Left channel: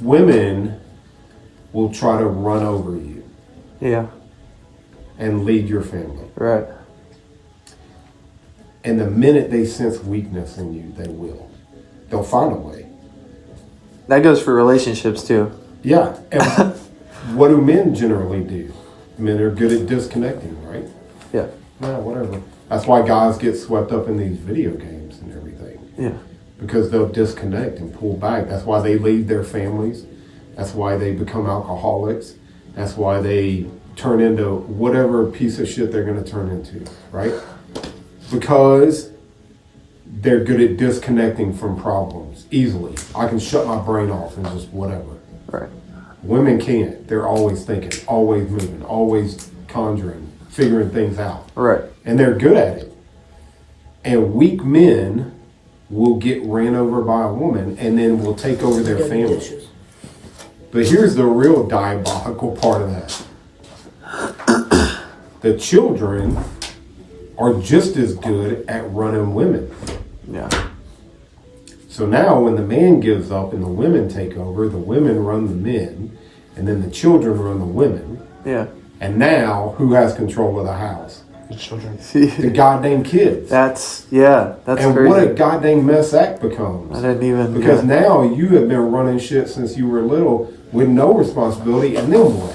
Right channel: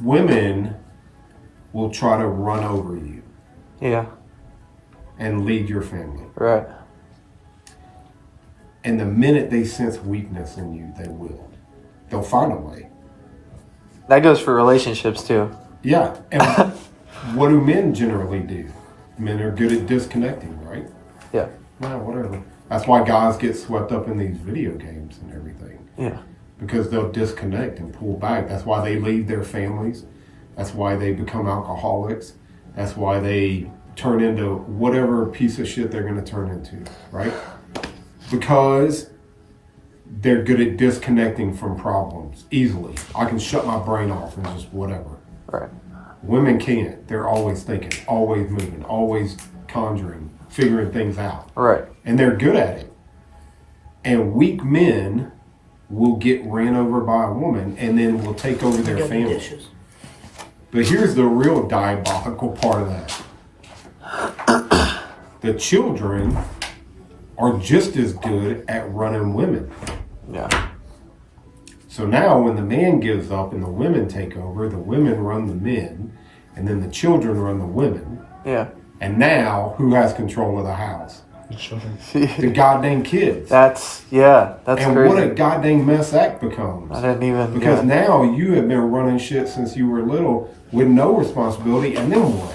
women will try to run over you. Yeah. And lead your family. Right. And the minute they sense weakness in you, they will. They'll find a way. That goes for relationships too. Yeah. And what do men generally do? Men are good at disconnecting, right? Yeah. Well, whatever. That's why guys get swept up in these video games and everything. Yeah. Because they'll disconnect and pull back. That's why they leave their families. That's why they become alcoholics. That's why they turn into whatever piece of shit they're going to turn into, right? Because they're good at disconnecting from problems easily. I can shut my brain off and just whatever. Right. Women can't. They're always thinking, always moving, always conjuring, figuring things out. Right. And they're good at it. And weak men will get ran over by a woman and then will take over their family. Dishes. But here's the real diabolical part of that. The children are just as good at running women. Yeah. So now when the man gives up and the women take over, the women run the men, and then the children run the women. Yeah. And now who has control of the house? The children. The goddamn kids. That's And crazy. what a goddamn mess that becomes. I didn't even Because now you have been running shit since you were little with no responsibility, and then what?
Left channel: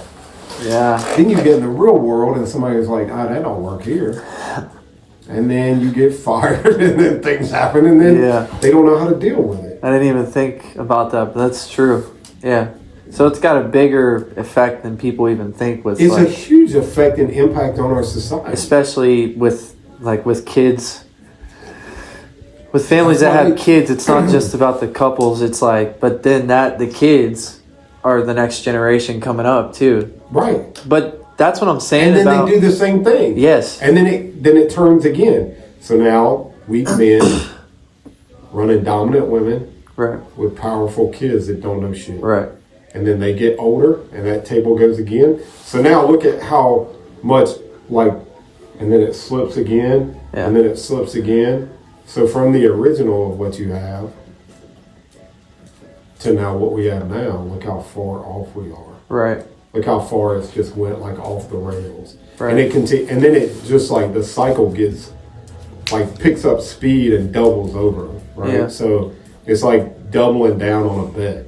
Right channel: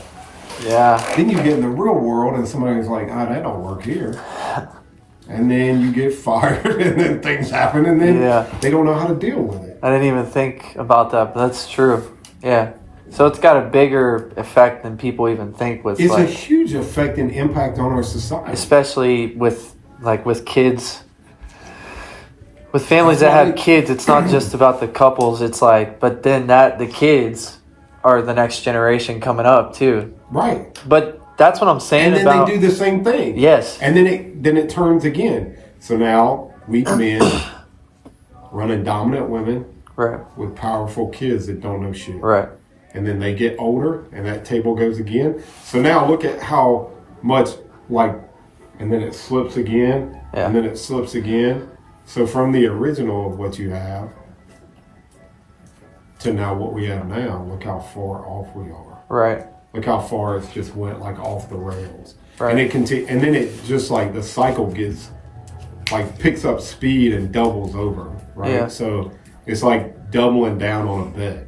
Yeah. Then you get in the real world and somebody's like, oh, that don't work here. And then you get fired and then things happen and then they don't know how to deal with it. I didn't even think about that, but that's true. Yeah. So it's got a bigger effect than people even think with It's a huge effect and impact on our society. especially with kids. With families That's that why have kids, it's not just about the couples, it's like but then the kids are the next generation coming up too. Right. But that's what I'm saying. And then about, they do the same thing. Yes. And then it turns again. So now weak men running dominant women Right. with powerful kids that don't know shit. Right. And then they get older and that table goes again. So now look at how much and then it slips again and then it slips again. So from the original of what you have to now what we have now, look how far off we are. Right. Look how far it's just went off the rails. Right. And it and then it just the cycle gets picks up speed and doubles over, right? Yeah. So it's like doubling down on a bet.